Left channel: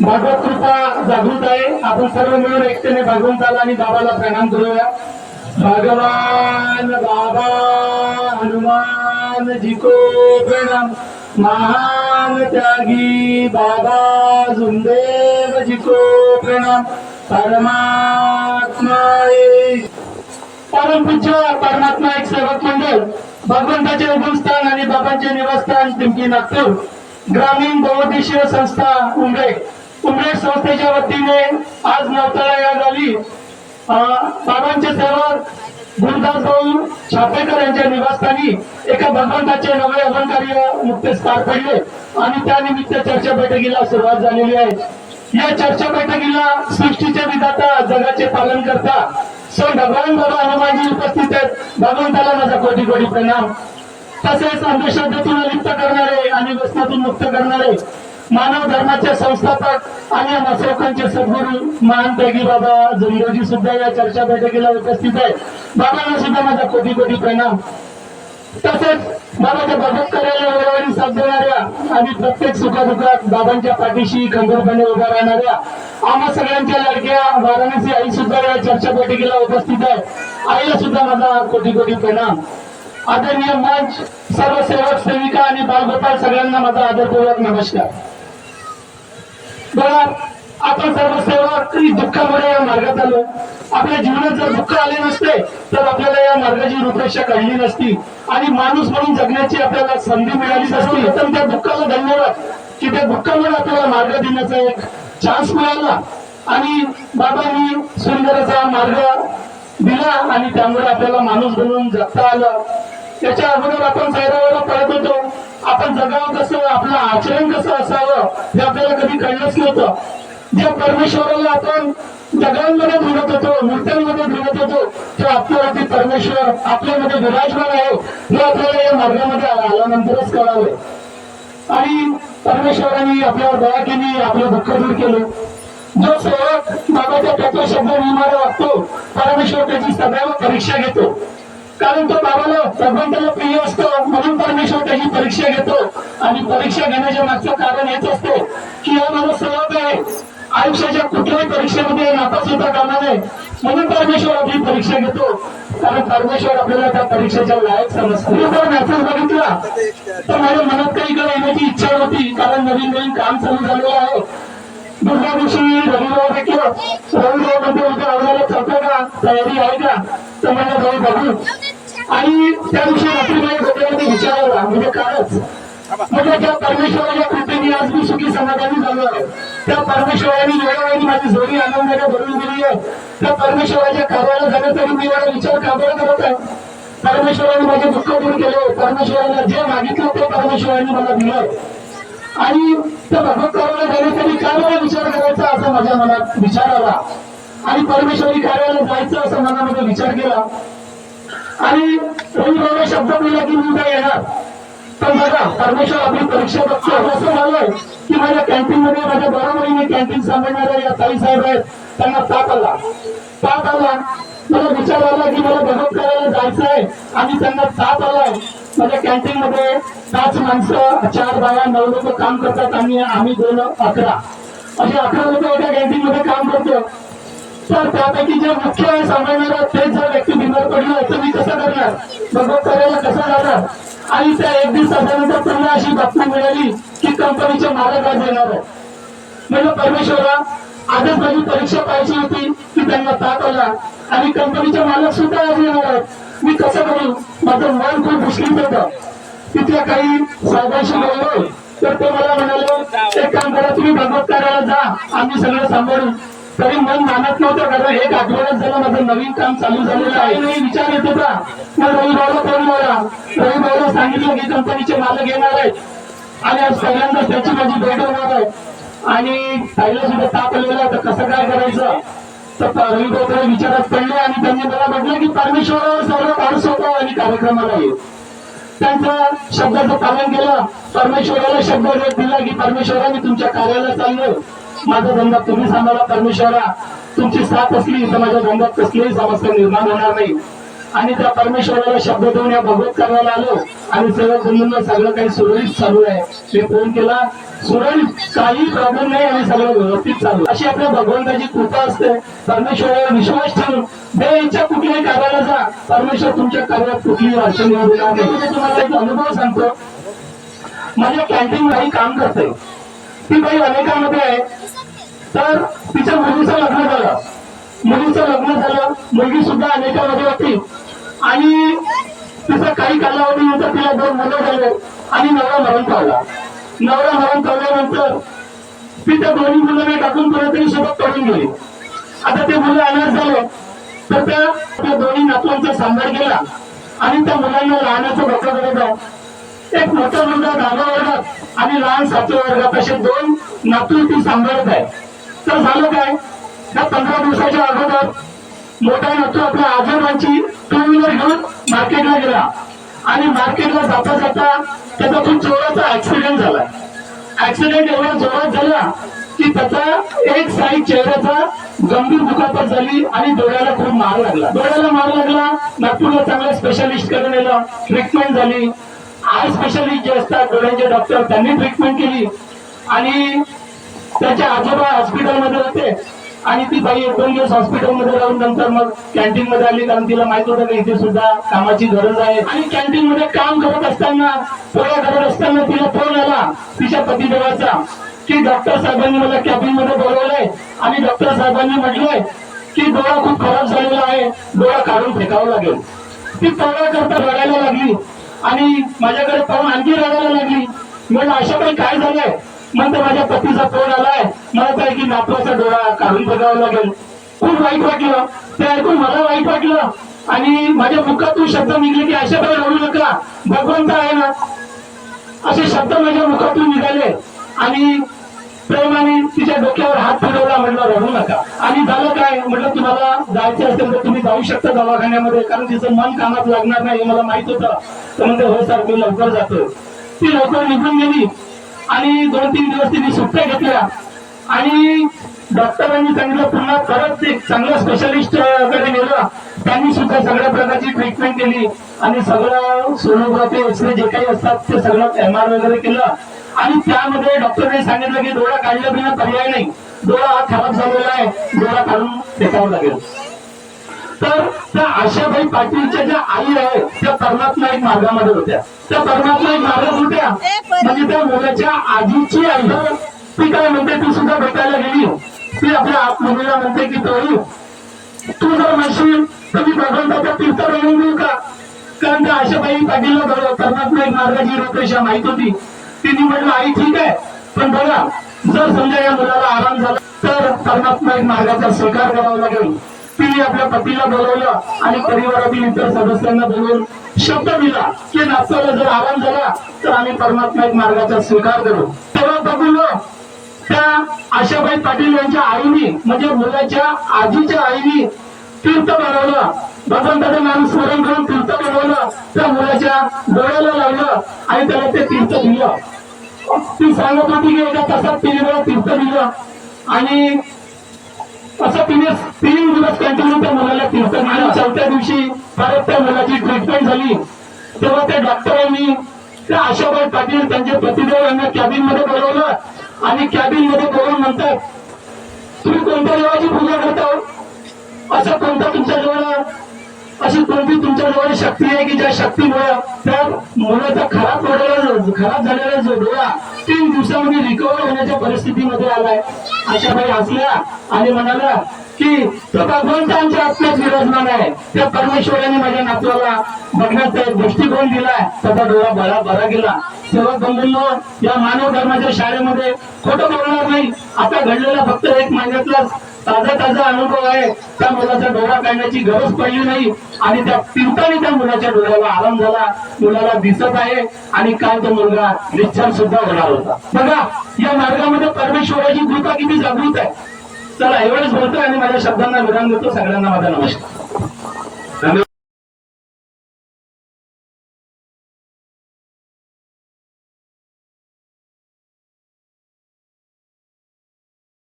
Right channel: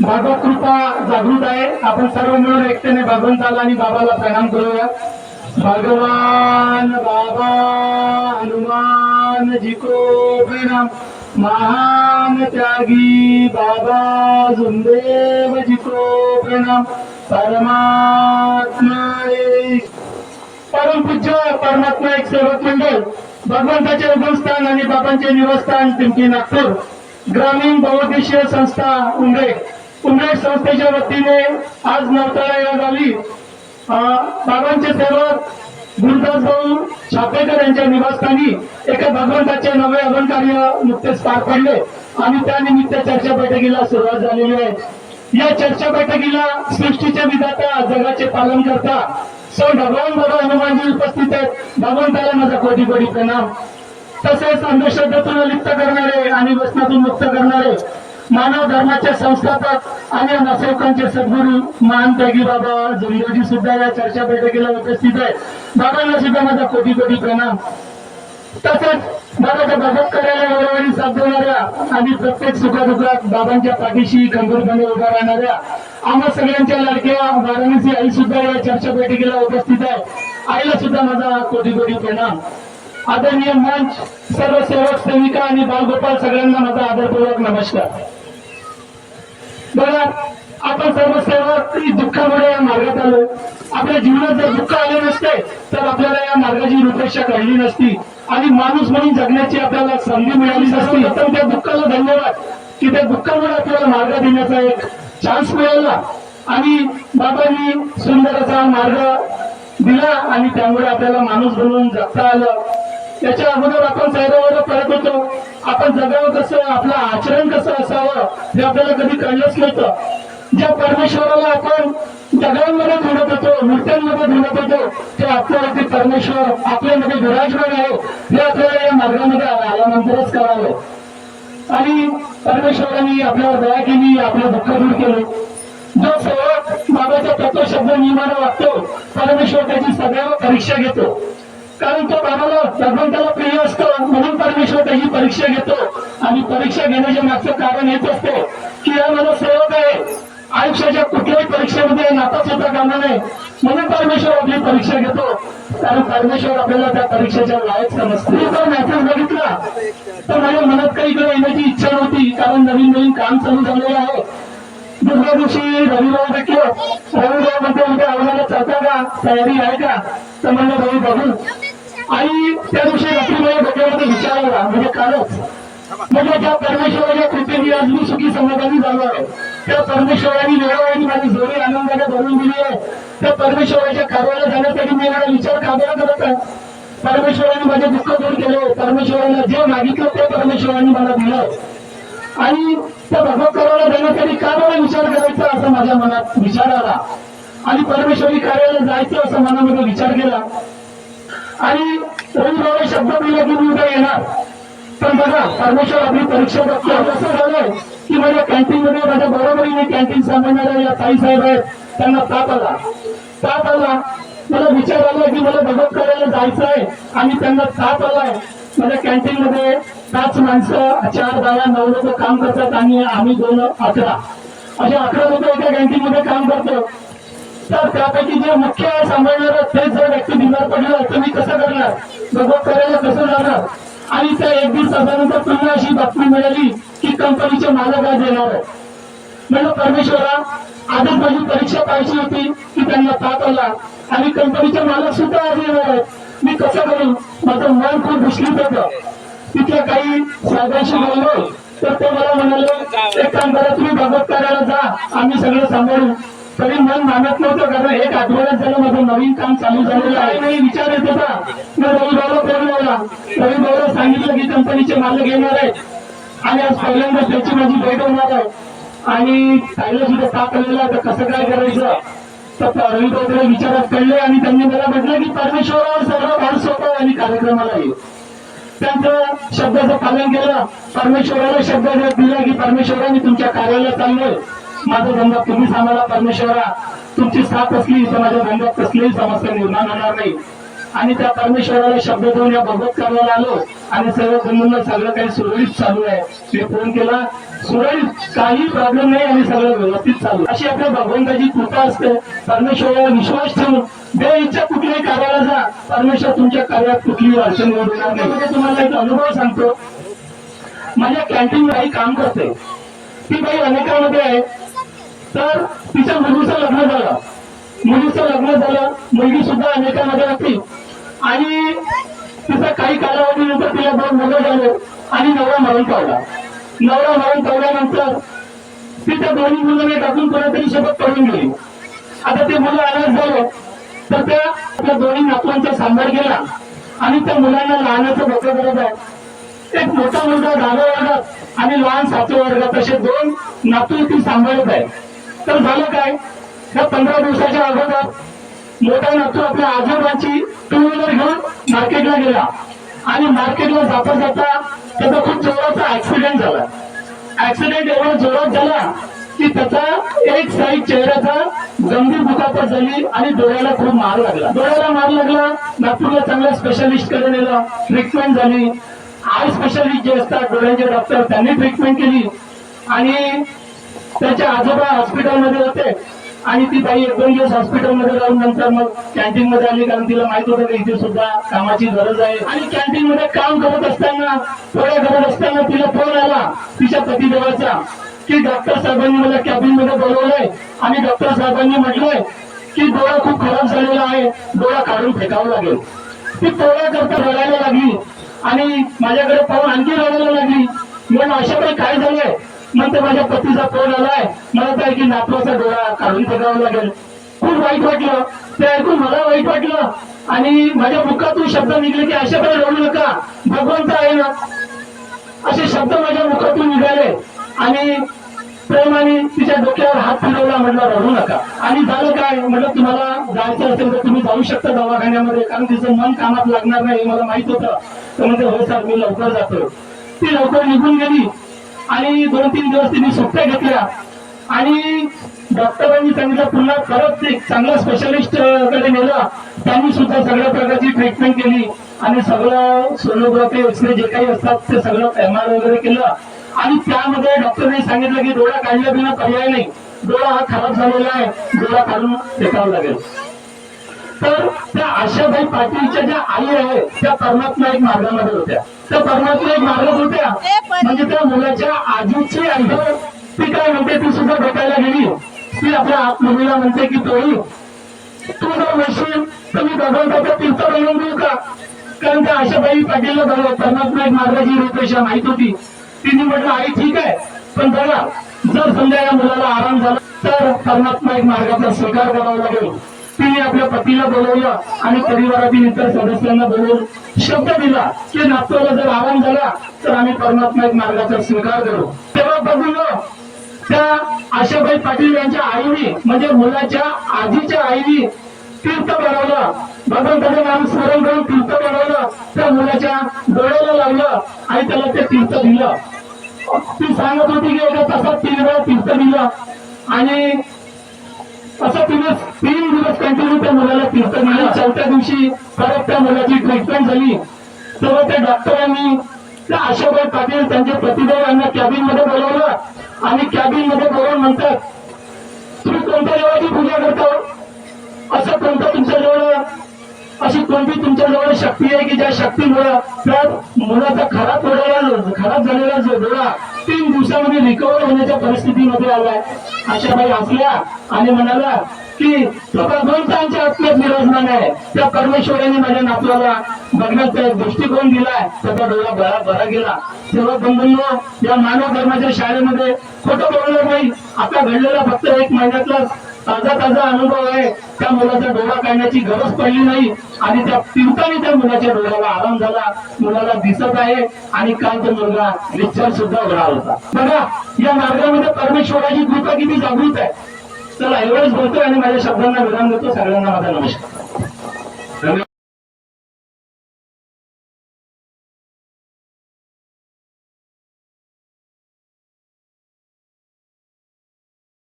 भागवत कृपा जागृत आहे। आपण सर्व मिळून एकतेने भगवंताला आणि बाबाला प्रणाम करूया। भगवान बाबा हनुमान जी को प्रणाम। महान त्यागी बाबा जुमदेव जी को प्रणाम। परमात्मा एक परमपूज्य परमात्मा एक सेवक मंडळ भगवंताचे उगमस्थान आणि बाबांचे निवासस्थान पिंपरी नागपूर ग्रामीण बहुउद्देशीय संस्था उमरेड संस्थेच्या वतीने आज नवताळा या गावी बाबांचे सेवक गुरुदास भाऊ छापेकर यांच्या निवासस्थानी एका भगवंताचे नवे अभंकार्य नुकतेच पार पडले आणि त्यानिमित्त चर्चा बैठकीला सुरुवात झालेली आहे। या चर्चा बैठकीला सृष्टीचे विधाता जगाचे पालन करता सौ भगवान बाबा हनुमानजी उपस्थित आहेत। भगवंताला माझा कोटी कोटी प्रणाम। तसेच अंधश्रद्धेतून लिप्त करणारे आणि व्यसनातून मुक्त करणारे मानव धर्माचे संस्थापक आणि मासेवकांचे सद्गुरू महान त्यागी बाबा जुमदेवजी सुद्धा या चर्चा बैठकीला उपस्थित आहेत। बाबांना सुद्धा माझा कोटी कोटी प्रणाम। तसेच बाबाच्या भगवत कार्याला वेळोवेळी साथ देणाऱ्या आणि प्रत्येक सुखदुःखात बाबांच्या पाठीशी खंबीरपणे उभा राहणाऱ्या आम्हा सगळ्यांच्या लाडक्या वाराणसी आई सुद्धा या चर्चा बैठकीला उपस्थित आहे। आईला सुद्धा माझा कोटी कोटी प्रणाम। आदरणीय मंच सर्व सेवक सेविका आणि बालगोपाल सगळ्यांना माझा आदरपूर्वक नमस्कार। बघा, आपण सर्व सेवक दुःखामुळे या मार्गात आलो। आपल्या जीवनात जर दुःख आले नसते तर आपल्याला या मार्गाची रूपरेषा कळली नसती आणि माणूस म्हणून जगण्याची आपल्याला संधी मिळाली नसती। तर त्या दुःखाला धन्यवाद की त्या दुःखामुळे आपल्याला मार्ग देण्याचा एक चान्स मिळाला आणि बाबांनी सुंदर असा मार्ग दिला आणि त्यामुळे आपल्याला माणूस बनवून जगता आलं। त्याच्या अगोदर आपण सैरावर पडत होतो। आपण जगावं कसं, आपलं आचरण कसं असावं हे आपल्याला कधी कळलंच नव्हतं। ज्या परमेश्वराला आपण जगांमध्ये ढूंढत होतो, मूर्त्यांमध्ये ढूंढत होतो, ते आपल्यावरती परमेश्वर आपल्यामध्ये विराजमान आहे हे आपल्याला या मार्गामध्ये आल्यानंतरच कळालं आणि परमेश्वरांनी आपल्यावर दया केली, आपलं दुःख दूर केलं। जो सेवक बाबाच्या प्रत्येक शब्द नियमाला वागतो परमेश्वर त्याची सदैव परीक्षा घेतो, कारण तो बाबाला भगवंताला प्रिय असतो म्हणून परमेश्वर त्याची परीक्षा घेतो आणि परीक्षा घेण्याच्या मागचं कारण हेच असते की हा माझा सेवक आहे, आयुष्याच्या कुठल्याही परीक्षेमध्ये नापास होता कामा नये म्हणून परमेश्वर आपली परीक्षा घेतो, कारण परमेश्वर आपल्याला त्या परीक्षेच्या लायक समजतो। मी जर मेसेज बघितला तर माझ्या मनात काही इकडे येण्याची इच्छा होती, कारण नवीन नवीन काम चालू झालेलं आहे। दुसऱ्या दिवशी रविवार भेटलो, रविवार मध्ये उद्या आम्हाला चालता का, तयारी आहे का, तर म्हणलं भाई बघू। आणि त्या दिवशी रात्री माझ्या डोक्यामध्ये विचार आला, म्हणजे कालच, म्हणजे ज्या परमेश्वराच्या कृपेने आज मी सुखी समाधानी झालो आहे, त्या परमेश्वराने वेळोवेळी माझी जोडी आनंदाने भरून दिली आहे। त्या परमेश्वराच्या कार्याला जाण्यासाठी मी एवढा विचार का बरं करत आहे। परमेश्वराने माझे दुःख दूर केले, परमेश्वराला जे मागितलं ते परमेश्वराने मला दिलं आणि त्या भगवत कार्याला जाण्यासाठी का बरं विचार करायचा असा माझ्या मनात विचार आला आणि परमेश्वरी कार्याला जायचं असं मनामध्ये विचार केला आणि रविवार शब्द दिला की मी उद्या येणार। पण बघा, परमेश्वर आपली परीक्षा बघतो। असं झालंय की माझ्या कॅन्टीन मध्ये माझ्या बरोबरीने कॅन्टीन सांभाळणाऱ्या या ताई साहेब आहेत, त्यांना ताप आला। मला विचार आला की मला भगवत कार्याला जायचं आहे आणि त्यांना ताप आलाय। माझ्या कॅन्टीन मध्ये 5 माणसं, 4 बाया, 9 लोक काम करतात आणि आम्ही 2, 11 असे 11 लोक एका कॅन्टीन मध्ये काम करतो। तर त्यापैकी जे मुख्य सांभाळणार तेच जर व्यक्ती बिमार पडले तर मी कसं करणार, भगवत कार्याला कसं जाणार। आणि त्या 1 दिवसानंतर पुन्हा अशी बातमी मिळाली की कंपनीचे मालक आज येणार आहे। म्हणजे परमेश्वरा, आजच माझी परीक्षा पाहिजे होती की त्यांना ताप आला आणि कंपनीचे मालक सुद्धा आज येणार आहेत, मी कसं करू। माझं मन खूप विचलित होतं। तिथल्या काही साहेबांशी बोललो तर ते मला म्हणाले, एक काम करा, तुम्ही भगवत कार्याला जा, आम्ही सगळं सांभाळू। तरी मन मानत नव्हतं, कारण 1 आठवड्यात झालं माझं नवीन काम चालू झालेलं आहे। नाही विचार येत होता। मग रविभाऊला फोन लावला, रविभाऊला सांगितलं की कंपनीचे मालक येणार आहेत आणि आज पहिल्यांदा त्याची माझी भेट होणार आहे आणि ताईला सुद्धा ताप आलेला आहे, तर कसं काय करायचं। तर रविभाऊकडे विचारात पडले आणि त्यांनी मला म्हटलं की परमेश्वरावर सर्व भार सोपव आणि कार्यक्रमाला ये। त्यांचं शब्दाचं पालन केलं, परमेश्वराला शब्द दिला की परमेश्वरा मी तुमच्या कार्याला चाललोय, माझा धंदा तुम्ही सांभाळा। परमेश्वरा, तुमची साथ असली तर माझ्या धंद्यात कसलीही समस्या निर्माण होणार नाही। आणि त्या परमेश्वराला शब्द देऊन या भगवत कार्याला आलो आणि सेवक बंधूंना सगळं काही सुरळीत चालू आहे. मी फोन केला, सुरळीत काही प्रॉब्लेम नाही आणि सगळं व्यवस्थित चालू. अशी आपल्या भगवंताची कृपा असते. परमेश्वरावर विश्वास ठेवून बेइच्छा कुठल्याही कार्याला जा, परमेश्वर तुमच्या कार्यात कुठलीही अडचण येऊ देणार नाही. म्हणजे तुम्हाला एक अनुभव सांगतो. माझ्या कॅन्टीन बाई काम करते. ती बाई अनेकांमध्ये आहे. तर तिच्या मुलीचं लग्न झालं, मुलगी सुद्धा अनेकांमध्ये होती आणि तिचा काही कालावधीनंतर तिला 2 मुलं झाले आणि नवरा मरण पावल्यानंतर ती त्या दोन्ही मुलांना टाकून कोणतरी सोबत पडून गेली. आता ते मुलं अनाथ झाले तर त्या दोन्ही नातवांचा सांभाळ केला आणि त्या मुलांना लहानाचं मोठं करत आहे. एक मोठा मुलगा 10व्या वर्गात आणि लहान 7व्या वर्गात असे 2 नातू ती सांभाळत आहे. तर झालं काय, त्या 15 दिवसाच्या अगोदर मोठा नातू आपल्या आजोबांची 2 व्हीलर घेऊन मार्केटला गेला आणि मार्केटला जाता जाता त्याचा खूप जोराचा ऍक्सिडेंट झाला. ऍक्सिडेंट एवढा जोरात झाला की त्याचा एक साईड चेहऱ्याचा गंभीर दुखापत झाली आणि डोळ्याला खूप मार लागला. नागपूरला चांगल्या स्पेशालिस्ट कडे नेलं, ट्रीटमेंट झाली. आय स्पेशालिस्ट जे असतात डोळ्यांचे डॉक्टर, त्यांनी ट्रीटमेंट केली आणि त्याचे आजोबा हॉस्पिटलमध्ये होते आणि ती बाई 1-2 दिवस हॉस्पिटलमध्ये राहून नंतर मग कॅन्टीन मध्ये आली. कारण तिला माहित होतं की इथे सुद्धा कामाची गरज आहे. आणि कॅन्टीन मध्ये काम करत असताना, पोळ्या करत असताना तिला फोन आला तिच्या पतिदेवाचा की डॉक्टर साहेबांनी मला कॅबिन मध्ये बोलवलंय आणि डॉक्टर साहेबांनी म्हटलंय की डोळा खूप खराब झालेला आहे, डोळा काढून फेकावा लागेल. ती पोळ्या करता रडायला लागली आणि माझ्याकडे पाहून आणखी रडायला लागली. म्हणून अशा काही काय झालंय, म्हणते माझ्या पतीचा फोन आलाय, मला काय की नातवाचा डोळा काढून फेकावा लागेल. खूप वाईट वाटलं, ते ऐकून मला वाईट वाटलं आणि माझ्या मुखातून शब्द निघले की अशा काही रडू नका, भगवंत आहे ना, असे शब्द माझ्या मुखातून निघाले आणि प्रेमाने तिच्या डोक्यावर हात फिरवला, म्हटलं रडू नका. आणि झालं काय, म्हटलं तुम्हाला जायचं असेल तर तुम्ही जाऊ शकता दवाखान्यामध्ये, कारण तिचं मन कामात लागणार नाही हे मला माहित होतं. तर म्हणते हो सर मी लवकर जातो. ती लवकर निघून गेली आणि 2-3 दिवस तिने सुट्ट्या घेतल्या आणि डॉक्टरांनी सांगितलं पुन्हा परत एक चांगल्या स्पेशालिस्ट कडे नेलं. त्यांनी सुद्धा सगळ्या प्रकारची ट्रीटमेंट केली आणि सगळं सोनोग्राफी एक्सरे जे काही असतात ते सगळं MR वगैरे केलं आणि त्यामध्ये डॉक्टरने सांगितलं की डोळा काढल्या बिना पर्याय नाही, डोळा हा खराब झालेला आहे, डोळा काढून फेकावा लागेल. तर त्या आशाबाई पाटीलच्या ज्या आई आहेत त्या परमात्मा एक मार्गामध्ये होत्या. त्या परमात्मा एक मार्गात होत्या म्हणजे त्या मुलाच्या आजीची आई ती काय म्हणते, ती सुद्धा भेटायला गेली. ती आपल्या मुलीला म्हणते की तू जर म्हणशील तर मी भगवंताचा तीर्थ बनवून देऊ का, कारण त्या आशाबाई पाटीलला परमात्मा एक मार्गाची रूपरेषा माहित होती. तिने म्हटलं आई ठीक आहे, पण बघा जर समजा या मुलाला आराम झाला तर परमात्मा एक मार्गाचा स्वीकार करावा लागेल. तिने आपल्या पतीला बोलवलं आणि परिवारातील इतर सदस्यांना बोलवून शब्द दिला की नातवाला जर आराम झाला तर आम्ही परमात्मा एक मार्गाचा स्वीकार करू. तेव्हा बघून त्या आशाबाई पाटील यांच्या आईनी म्हणजे मुलाच्या आजीच्या आईनी तीर्थ बनवलं, भगवंताचं नाम स्मरण करून तीर्थ बनवलं, त्या मुलाच्या डोळ्याला लावलं आणि त्याला ते तीर्थ दिलं. ती सांगत होती की एका तासात 3 वेळा तीर्थ दिलं आणि असं तिने 3 दिवस कंटिन्यू त्या मुलाला तीर्थ दिलं. आणि 4थ्या दिवशी परत त्या मुलाची ट्रीटमेंट झाली. तेव्हा त्या डॉक्टरांनी त्या आशाबाई पाटील त्यांचे पतिदेव यांना कॅबिन मध्ये बोलवलं आणि कॅबिन मध्ये बोलवून म्हणतात तुम्ही कोणत्या देवाची पूजा करता, असं कोणतं तुमच्याजवळ अशी कोणती तुमच्याजवळ शक्ती आहे की ज्या शक्तीमुळे त्या मुलाचा खराब झालेला जो डोळा 3 दिवसामध्ये रिकव्हर होण्याच्या परिस्थितीमध्ये आलाय. आशाबाई हसल्या आणि म्हणाला की तो भगवंतांच्या आत्म्यात विराजमान आहे, त्या परमेश्वराने माझ्या नातवाला बघण्याचा दृष्टिकोन दिलाय, त्याचा डोळा बरा गेला. सेवक बंधूंनो, या मानव धर्माच्या शाळेमध्ये खोटं बोलणार नाही. आता घडलेला फक्त 1 महिन्यातला ताजा अनुभव आहे. त्या मुलाचा डोळा काढण्याची गरज पडली नाही आणि त्या तीर्थाने त्या मुलाच्या डोळ्याला आराम झाला, मुलाला दिसत आहे आणि काल तो मुलगा डिस्चार्ज सुद्धा होणार होता. बघा या मार्गामध्ये परमेश्वराची कृपा किती जागृत आहे. चला एवढंच बोलतोय आणि माझ्या शब्दांना विराम देतो. सगळ्यांना माझा नमस्कार.